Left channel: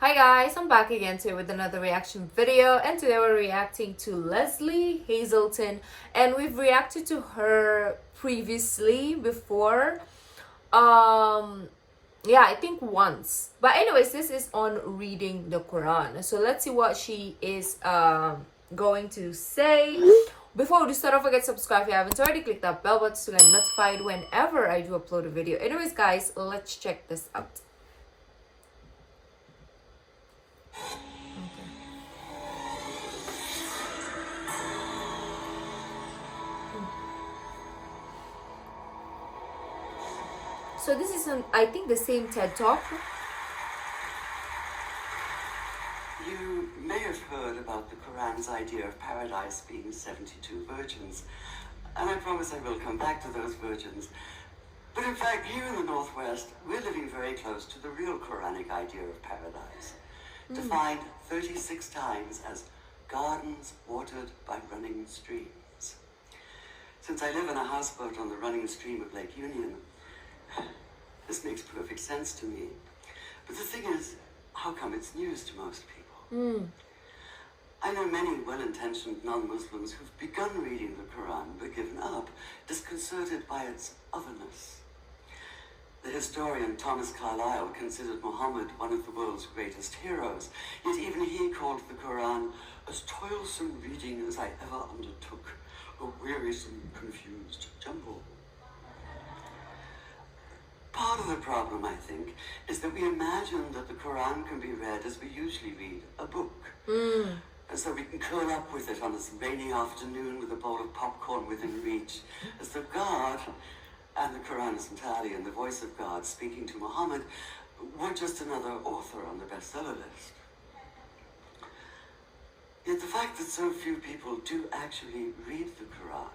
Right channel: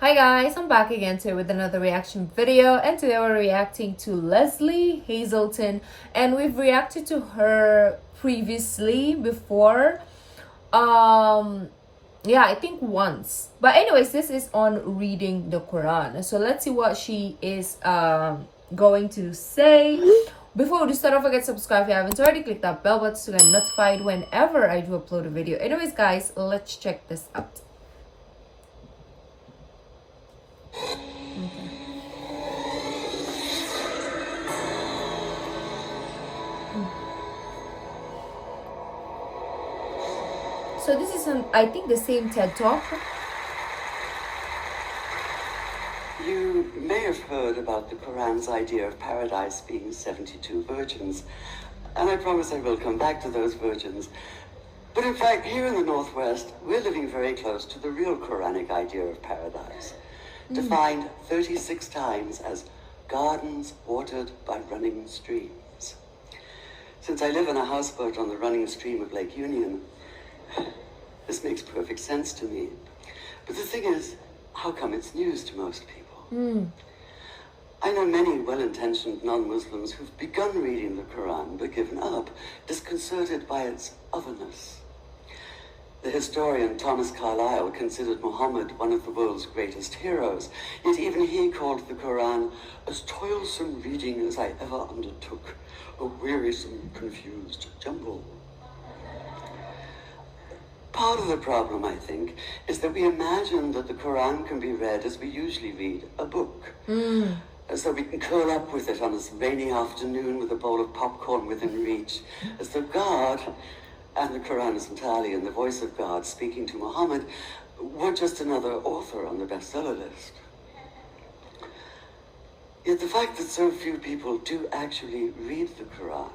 Hi guys, I'm back again today with another reaction video, and today we're reacting to Lesley Hazleton, and we've reacted to her previously before. Yeah, I think once. But anyways, this is on reading the Quran. So let's see what she is going to say. Before we start, don't forget to subscribe if you haven't already. Click that bell button to get notified whenever I do upload a video. Anyways, guys, let's check this out. So this is I think the same TED Talk. You may have heard about the Quran's idea of paradise being 72 virgins, and I promise I will come back to those virgins. But in fact, here in the Northwest, we're living very close to the real Quranic idea of paradise, defined 36 times as gardens watered by running streams. Since I live in a houseboat on the running stream of Lake Union, this makes perfect sense to me. But the thing is, how come it's news to most people? I know many well-intentioned non-Muslims who've begun reading the Quran but given up, disconcerted by its otherness. The historian Thomas Carlyle considered Muhammad one of the world's greatest heroes, yet even he called the Quran as toilsome reading as I ever undertook, a wearisome, confused jumble. Part of the problem, I think, is that we imagine that the Quran can be read as we usually read a book. As though we can curl up with it on a rainy afternoon with a bowl of popcorn within reach. As though God, and the Quran is entirely in the voice of God speaking to Muhammad, were just another author on the bestseller list. Yet the fact that so few people do actually read the Quran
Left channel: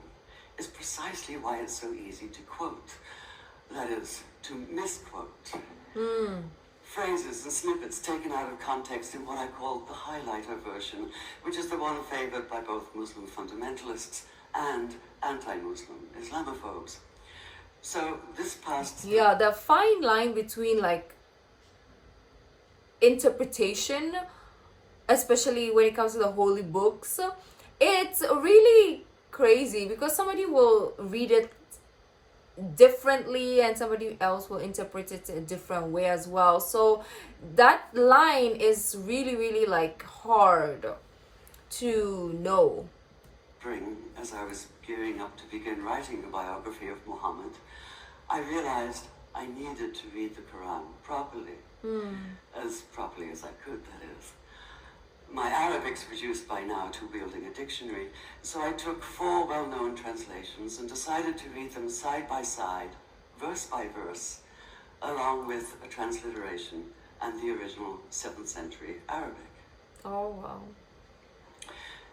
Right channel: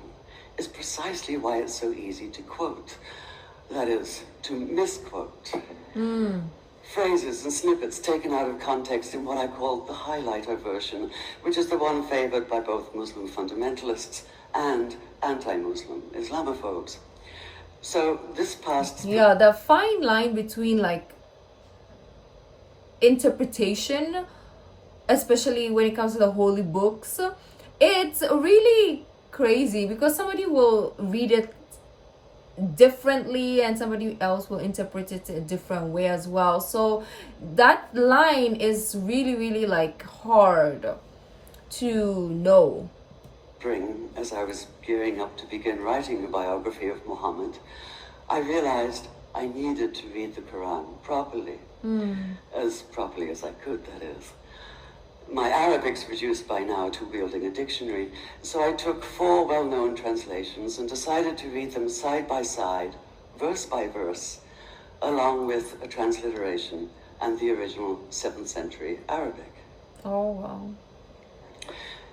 is precisely why it's so easy to quote. That is, to misquote. Phrases and snippets taken out of context in what I call the highlighter version, which is the one favored by both Muslim fundamentalists and anti-Muslim Islamophobes. So this past... Yeah, the fine line between like interpretation, especially when it comes to the holy books, it's really crazy because somebody will read it differently and somebody else will interpret it a different way as well. So that line is really like hard to know. As I was gearing up to begin writing the biography of Muhammad, I realized I needed to read the Quran properly, as properly as I could, that is. My Arabic's reduced by now to wielding a dictionary, so I took 4 well-known translations and decided to read them side by side, verse by verse, along with a transliteration and the original 7th century Arabic. Oh, wow.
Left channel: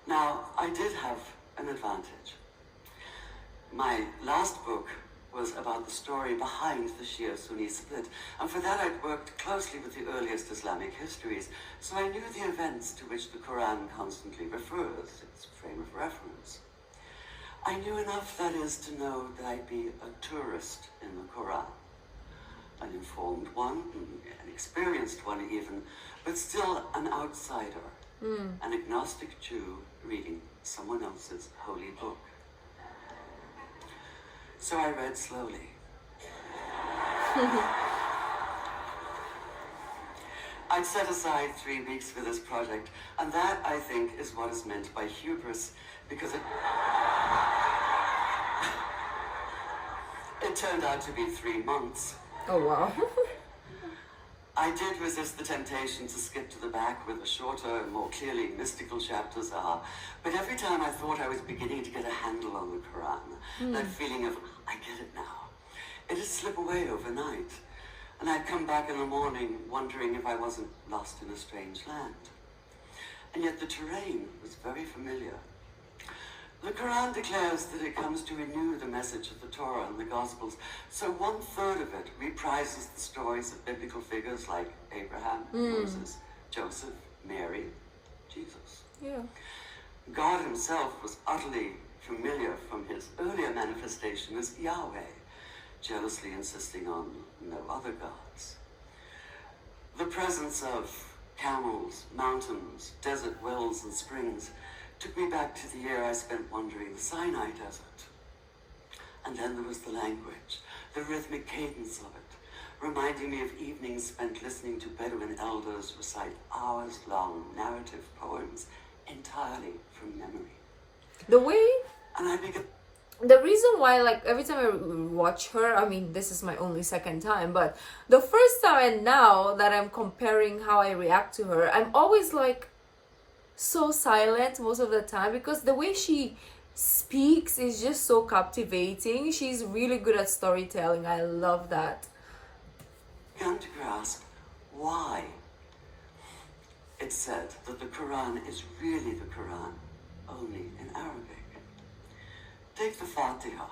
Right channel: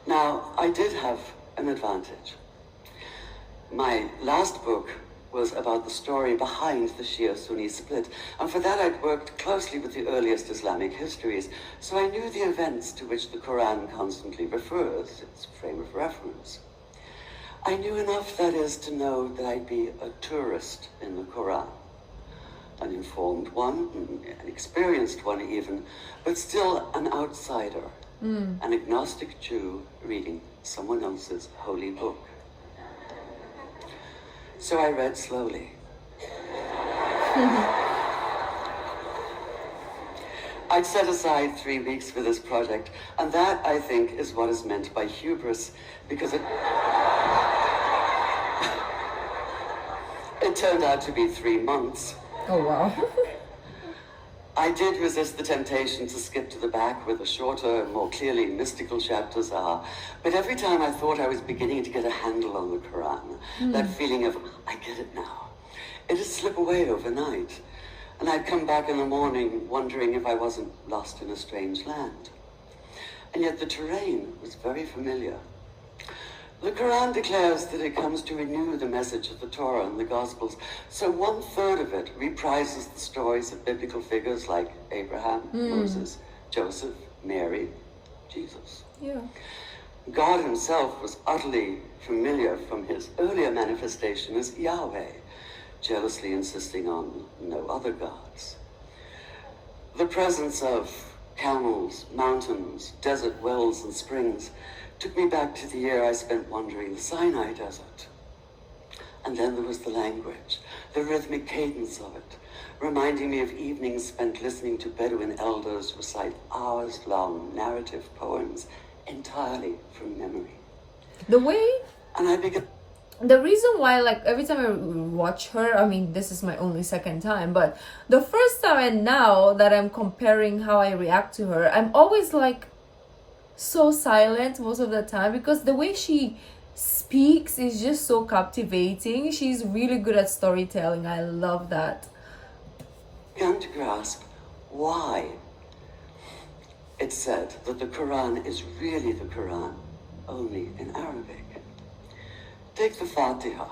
Now, I did have an advantage. My last book was about the story behind the Shia-Sunni split, and for that I'd worked closely with the earliest Islamic histories, so I knew the events to which the Quran constantly refers, its frame of reference. I knew enough, that is, to know that I'd be a tourist in the Quran, an informed one, an experienced one even, but still an outsider, an agnostic Jew reading someone else's holy book. So I read slowly. I'd set aside 3 weeks for this project, and that, I think, is what is meant by hubris, because it turned out to be 3 months. Oh, wow. I did resist the temptation to skip to the back where the shorter, more clearly mystical chapters are, but every time I thought I was beginning to get a handle on the Quran, that feeling of, I get it now, it'd slip away overnight, and I'd come back in the morning wondering if I wasn't lost in a strange land. And yet the terrain was very familiar. The Quran declares that it comes to renew the message of the Torah and the Gospels, so 1/3 of it reprises the stories of biblical figures like Abraham, Moses, Joseph, Mary, Jesus. Yeah. God himself was utterly familiar from his earlier manifestation as Yahweh, jealously insisting on no other gods. The presence of camels, mountains, desert wells and springs took me back to the year I spent wandering the Sinai desert. And then there was the language, the rhythmic cadence of it, reminding me of evenings spent listening to Bedouin elders recite hours-long narrative poems entirely from memory. The way... And I began... The reason why, like, every time I watch her, I mean, this is my only second time, but the first time and now that I'm comparing how I react to her, I'm always, like, so silent most of the time because the way she speaks is just so captivating. She's really good at storytelling. I love that. Began to grasp why it's said that the Quran is really the Quran, only in Arabic. Take the Fatiha,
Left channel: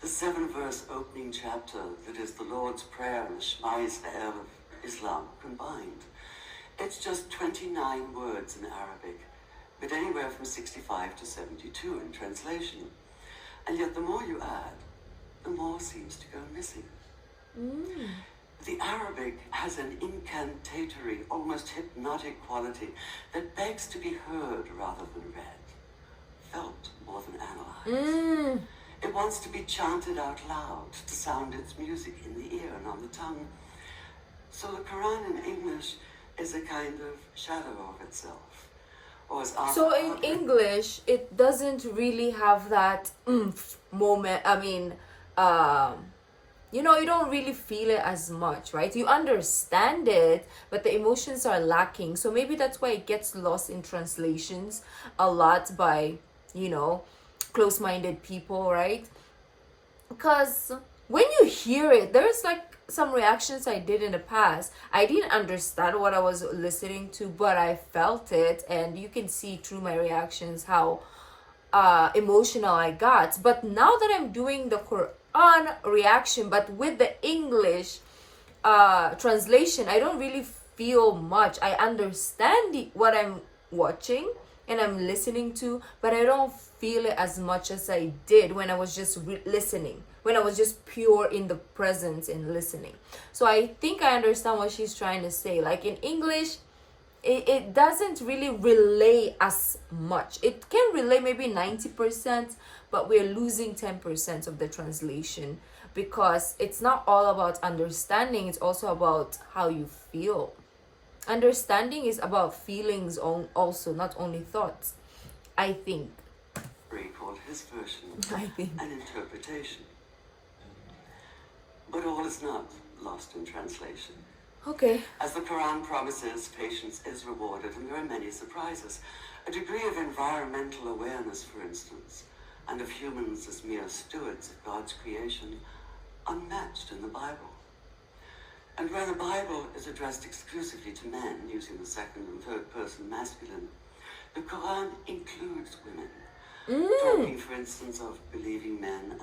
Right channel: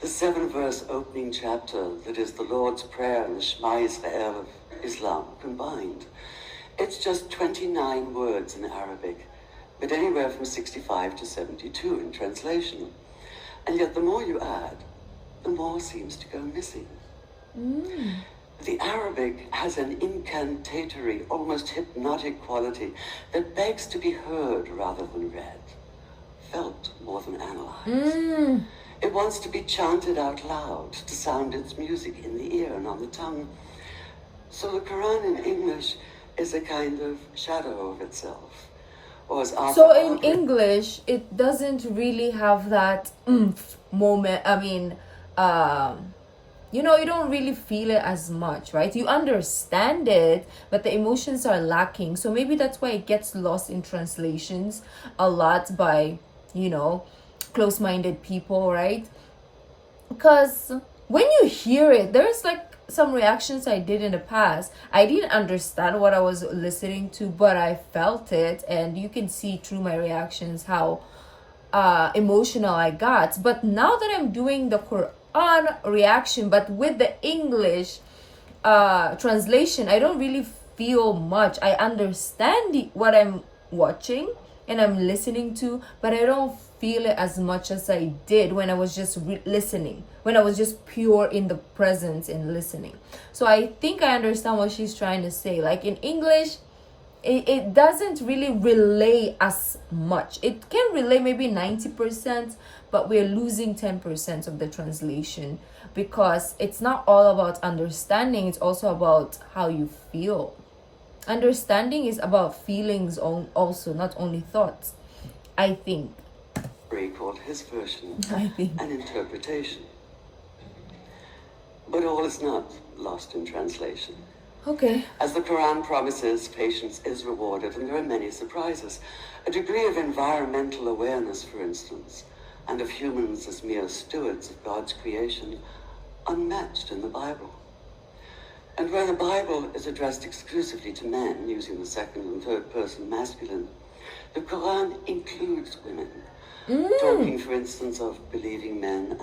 the 7-verse opening chapter that is the Lord's Prayer and the Shema Israel of Islam combined. It's just 29 words in Arabic, but anywhere from 65 to 72 in translation. And yet the more you add, the more seems to go missing. The Arabic has an incantatory, almost hypnotic quality that begs to be heard rather than read, felt more than analyzed. It wants to be chanted out loud, to sound its music in the ear and on the tongue. So the Quran in English is a kind of shadow of itself. Or as So in English, it doesn't really have that moment. I mean, you know, you don't really feel it as much, right? You understand it, but the emotions are lacking. So maybe that's why it gets lost in translations a lot by, you know, close-minded people, right? Because when you hear it, there's like some reactions I did in the past. I didn't understand what I was listening to, but I felt it, and you can see through my reactions how emotional I got. But now that I'm doing the Quran reaction, but with the English translation, I don't really feel much. I understand what I'm watching and I'm listening to, but I don't feel it as much as I did when I was just listening, when I was just pure in the presence and listening. So I think I understand what she's trying to say. Like in English, it doesn't really relay as much. It can relay maybe 90%, but we're losing 10% of the translation because it's not all about understanding. It's also about how you feel. Understanding is about feelings also, not only thoughts, I think. Called his version I think. an interpretation. But all is not lost in translation. Okay. As the Quran promises, patience is rewarded, and there are many surprises. A degree of environmental awareness, for instance, and of humans as mere stewards of God's creation, unmatched in the Bible. And where the Bible is addressed exclusively to men, using the second and third person masculine, the Quran includes women, talking, for instance, of believing men.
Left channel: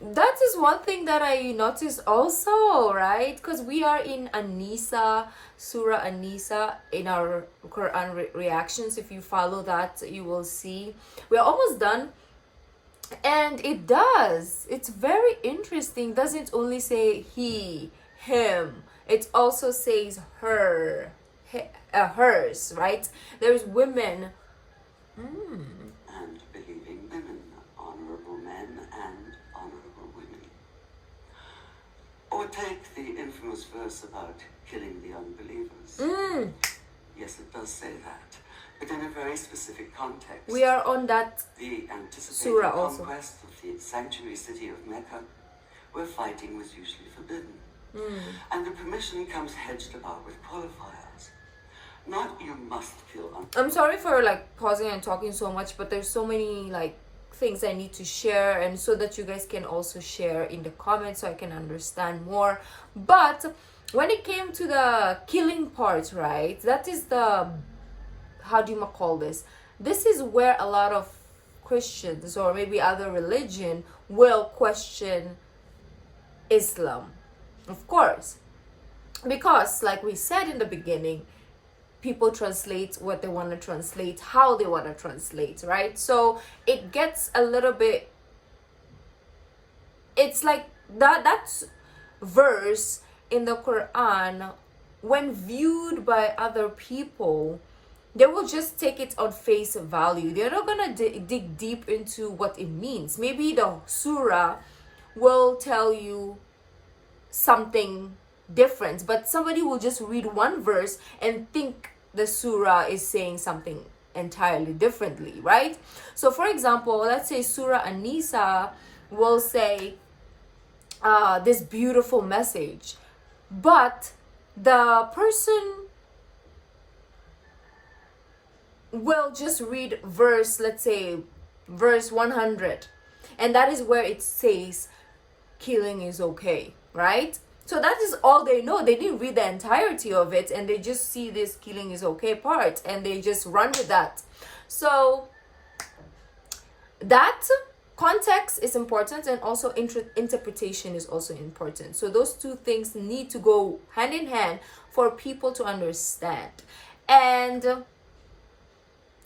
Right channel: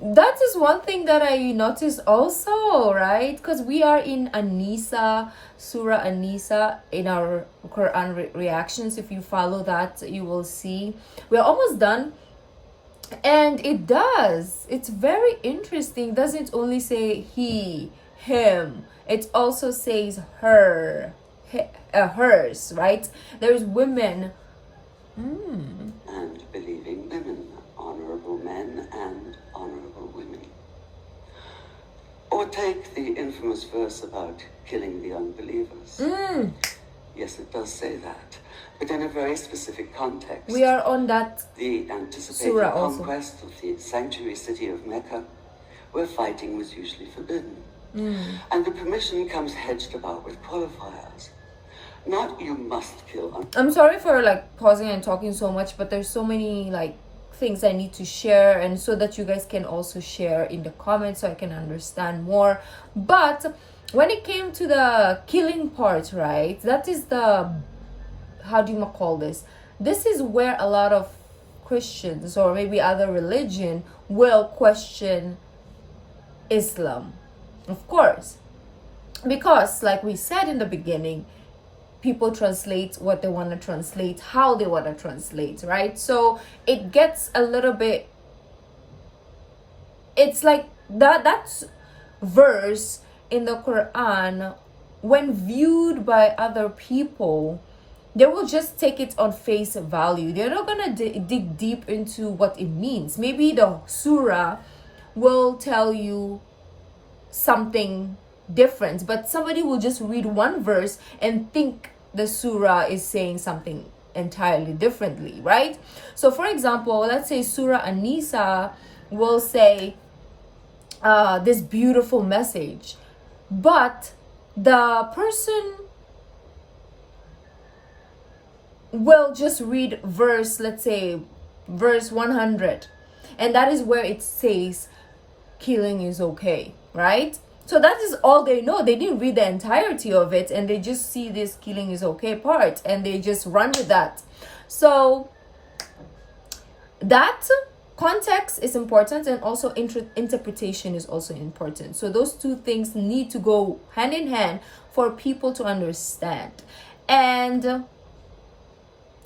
That is one thing that I noticed also, right? Because we are in An-Nisa, Surah An-Nisa, in our Quran reactions. If you follow that, you will see. We're almost done. And it does. It's very interesting. It doesn't only say he, him. It also says her, hers, right? There's women. And believing women, honorable men and honorable women. Or take the infamous verse about killing the unbelievers. Yes, it does say that, but in a very specific context. We are on that the anticipated surah also. Conquest of the sanctuary city of Mecca, where fighting was usually forbidden. And the permission comes hedged about with qualifiers. Not you must kill. I'm sorry for like pausing and talking so much, but there's so many like things I need to share, and so that you guys can also share in the comments so I can understand more. But when it came to the killing part, right, that is the, how do you call this? This is where a lot of Christians or maybe other religion will question Islam, of course, because like we said in the beginning, people translate what they want to translate, how they want to translate, right? So it gets a little bit, it's like that verse in the Quran when viewed by other people, they will just take it on face value. They're not gonna dig deep into what it means. Maybe the surah will tell you something different, but somebody will just read one verse and think the surah is saying something entirely differently, right? So for example, let's say Surah An-Nisa will say this beautiful message, but the person will just read verse, let's say verse 100, and that is where it says killing is okay, right? So that is all they know. They didn't read the entirety of it, and they just see this killing is okay part, and they just run with that. So that context is important, and also interpretation is also important. So those two things need to go hand in hand for people to understand. And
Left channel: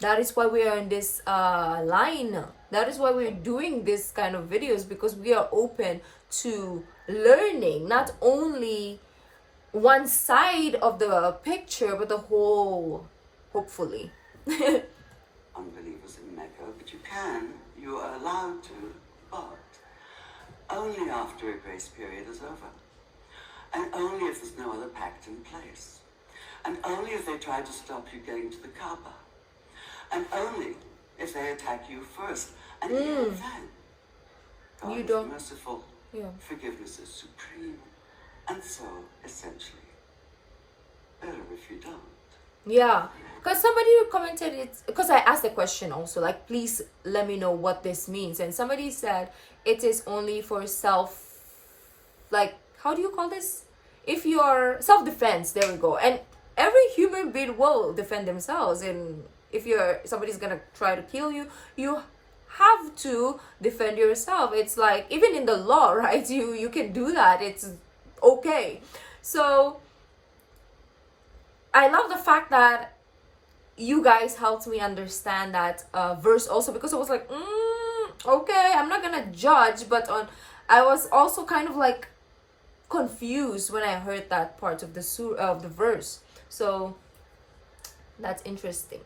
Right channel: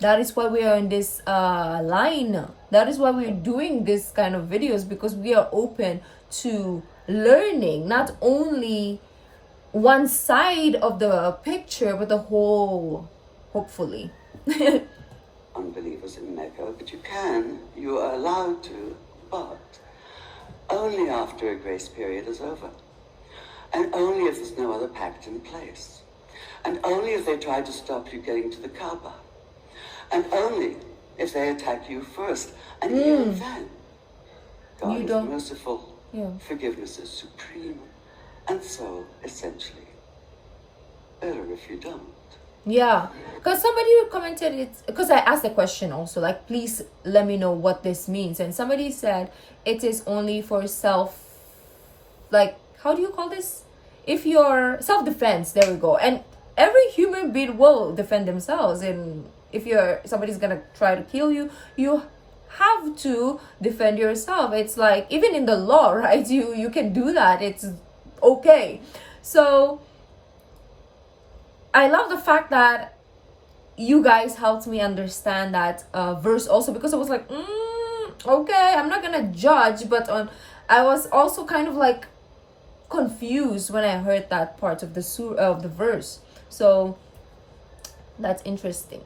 that is why we are in this line. That is why we're doing this kind of videos, because we are open to learning not only one side of the picture, but the whole, hopefully. Unbelievers in Mecca, but you are allowed to, but only after a grace period is over. And only if there's no other pact in place. And only if they try to stop you getting to the Kaaba. And only if they attack you first. And even then, God is merciful. Yeah. Forgiveness is supreme. And so, essentially, better if you don't. Yeah, because somebody commented it, because I asked the question also, like, please let me know what this means. And somebody said it is only for self, like, how do you call this? If you're self-defense, there we go. And every human being will defend themselves. And if somebody's gonna try to kill you, you have to defend yourself. It's like, even in the law, right? You can do that. It's okay. So I love the fact that you guys helped me understand that verse also, because I was like, okay, I'm not gonna judge, but I was also kind of like confused when I heard that part of the verse. So that's interesting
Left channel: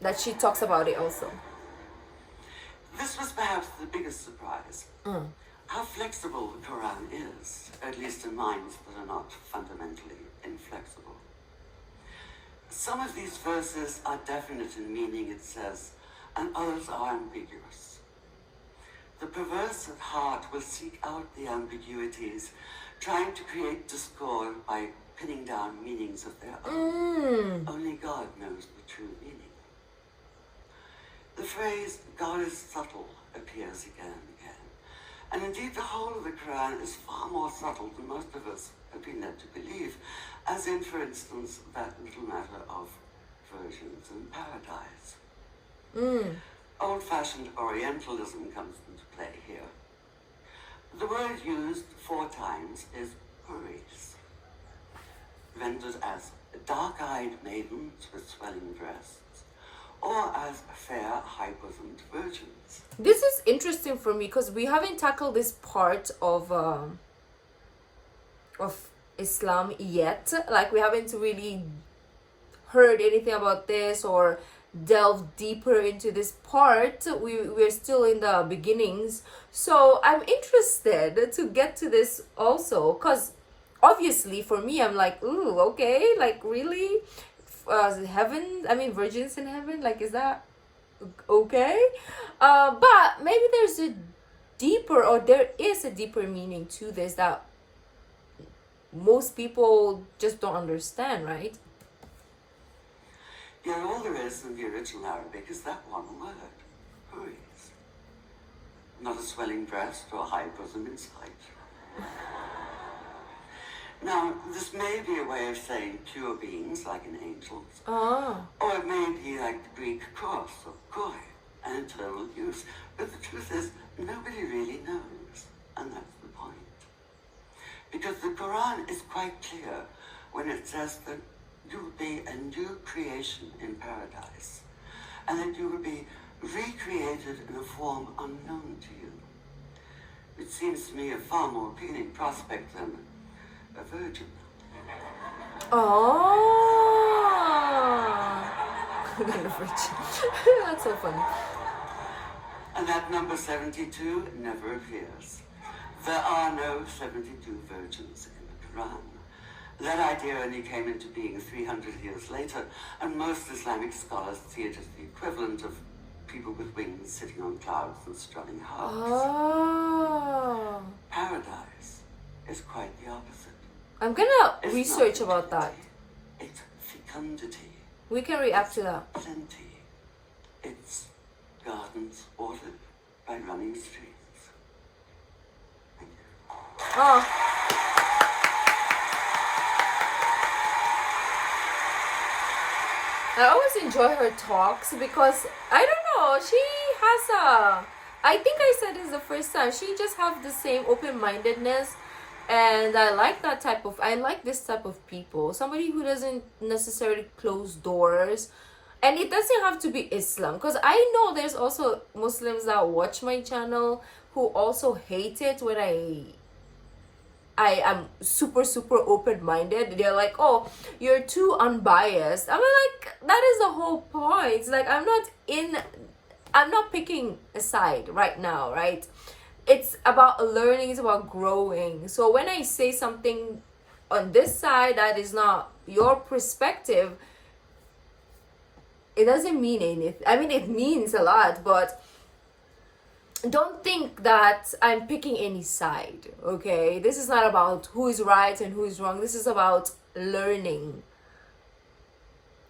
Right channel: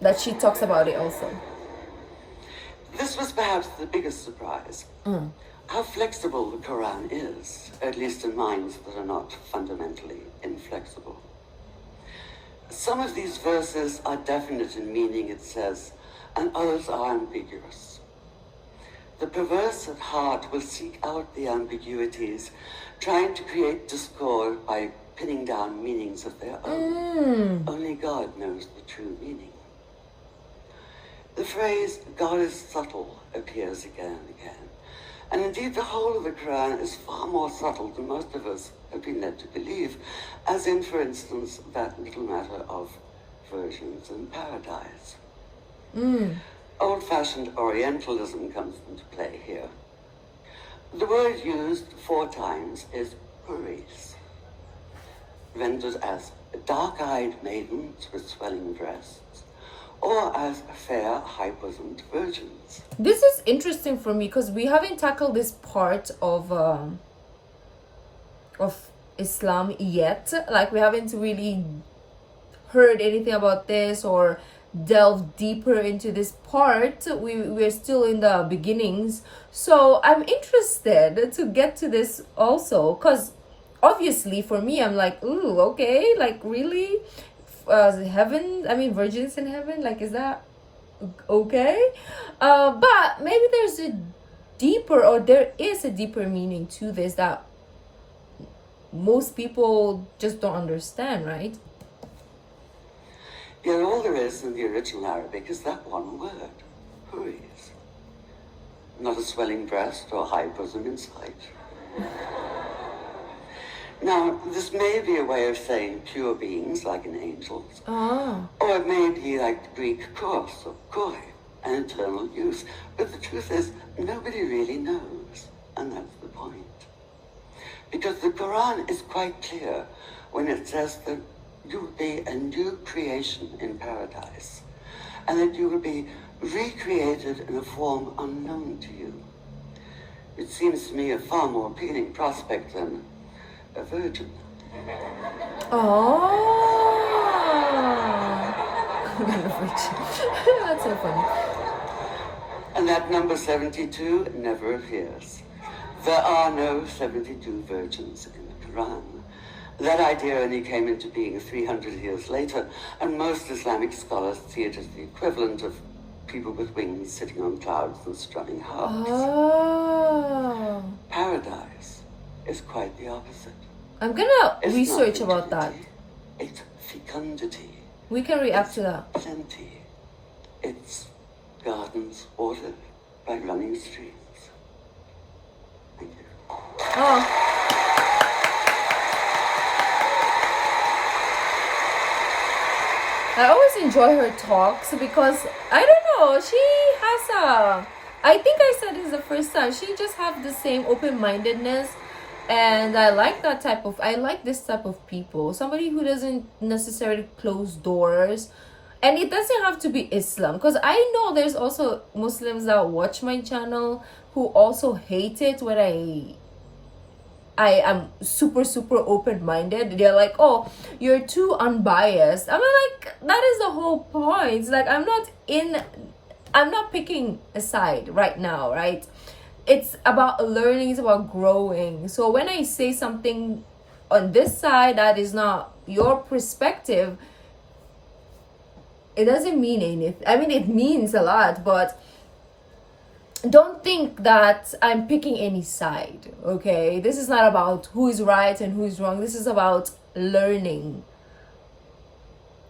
that she talks about it also. This was perhaps the biggest surprise. How flexible the Quran is, at least in minds that are not fundamentally inflexible. Some of these verses are definite in meaning, it says, and others are ambiguous. The perverse at heart will seek out the ambiguities, trying to create discord by pinning down meanings of their own. Only God knows the true meaning. The phrase, God is subtle, appears again and again. And indeed, the whole of the Quran is far more subtle than most of us have been led to believe, as in, for instance, that little matter of virgins in paradise. Old-fashioned Orientalism comes into play here. The word used 4 times is huris, rendered as dark-eyed maidens with swelling breasts, or as fair, high-bosomed virgins. This is interesting for me, because we haven't tackled this part of Islam yet. Like, we haven't really heard anything about this or delved deeper into this part. We're still in the beginnings. So I'm interested to get to this also, because obviously for me, I'm like, ooh, okay, like, really? Virgins in heaven, like, is that okay? But maybe there's there is a deeper meaning to this that most people just don't understand, right? Yet all there is in the original Arabic is that one word, huris. Not a swelling breast or high bosom in sight. Now, this may be a way of saying pure beings, like in angels. Or it may be like the Greek kos or koi, an eternal use. But the truth is, nobody really knows. And that's the point. Because the Quran is quite clear when it says that you will be a new creation in paradise. And that you will be recreated in a form unknown to you. It seems to me a far more appealing prospect than a virgin. Oh. That's so funny. And that number 72 never appears. There are no 72 virgins in the Quran. That idea only came into being 300 years later, and most Islamic scholars see it as the equivalent of people with wings sitting on clouds and strumming harps. Oh. Paradise is quite the opposite. I'm gonna It's research not about that. fertility, it's fecundity. We can react It's to that. plenty. It's gardens watered by running streams. Thank you. Oh. I always enjoy her talks because I don't know, she has I think I said this the first time, she just have the same open-mindedness, and I like this type of people, somebody who doesn't necessarily close doors. And it doesn't have to be Islam, because I know there's also Muslims that watch my channel who also hate it when I am super open-minded. They're like, oh, you're too unbiased. I'm like, that is the whole point. Like, I'm not picking a side right now, right? It's about learning, it's about growing. So when I say something on this side that is not your perspective, it doesn't mean anything. I mean, it means a lot, but don't think that I'm picking any side, okay? This is not about who is right and who is wrong. This is about learning.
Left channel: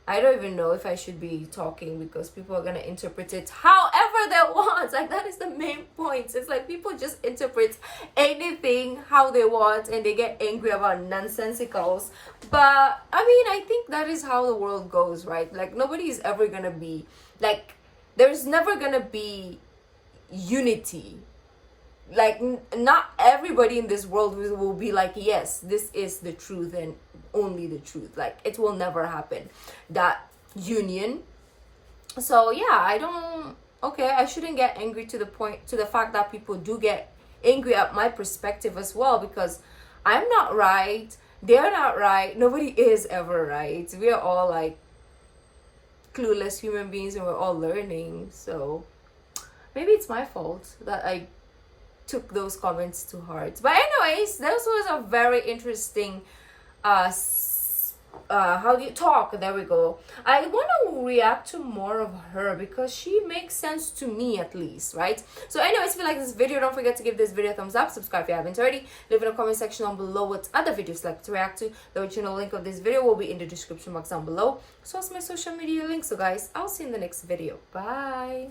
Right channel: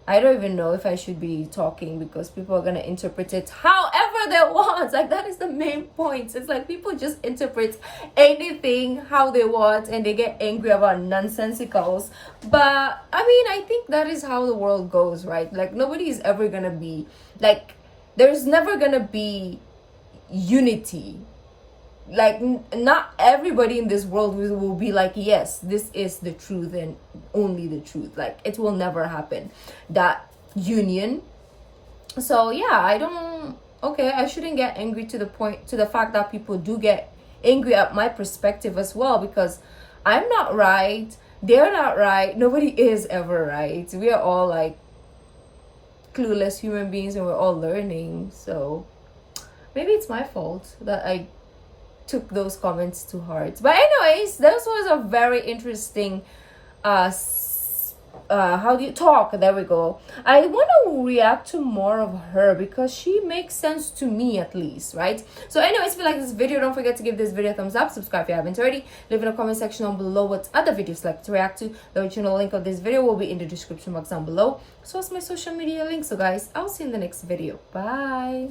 I don't even know if I should be talking because people are gonna interpret it however they want. Like, that is the main point. It's like people just interpret anything how they want and they get angry about nonsensicals. But I mean, I think that is how the world goes, right? Like, nobody is ever gonna be like, there's never gonna be unity. Like, not everybody in this world will be like, yes, this is the truth and only the truth. Like, it will never happen, that union. So yeah, I shouldn't get angry to the fact that people do get angry at my perspective as well, because I'm not right, they're not right, nobody is ever right. We are all like clueless human beings and we're all learning. So maybe it's my fault that I took those comments to heart. But anyways, this was a very interesting how do you talk, there we go. I want to react to more of her because she makes sense to me, at least, right? So anyways, if you like this video, don't forget to give this video a thumbs up, subscribe if you haven't already, leave in the comment section down below what other videos like to react to. The original link of this video will be in the description box down below, so it's my social media link. So guys, I'll see you in the next video. Bye.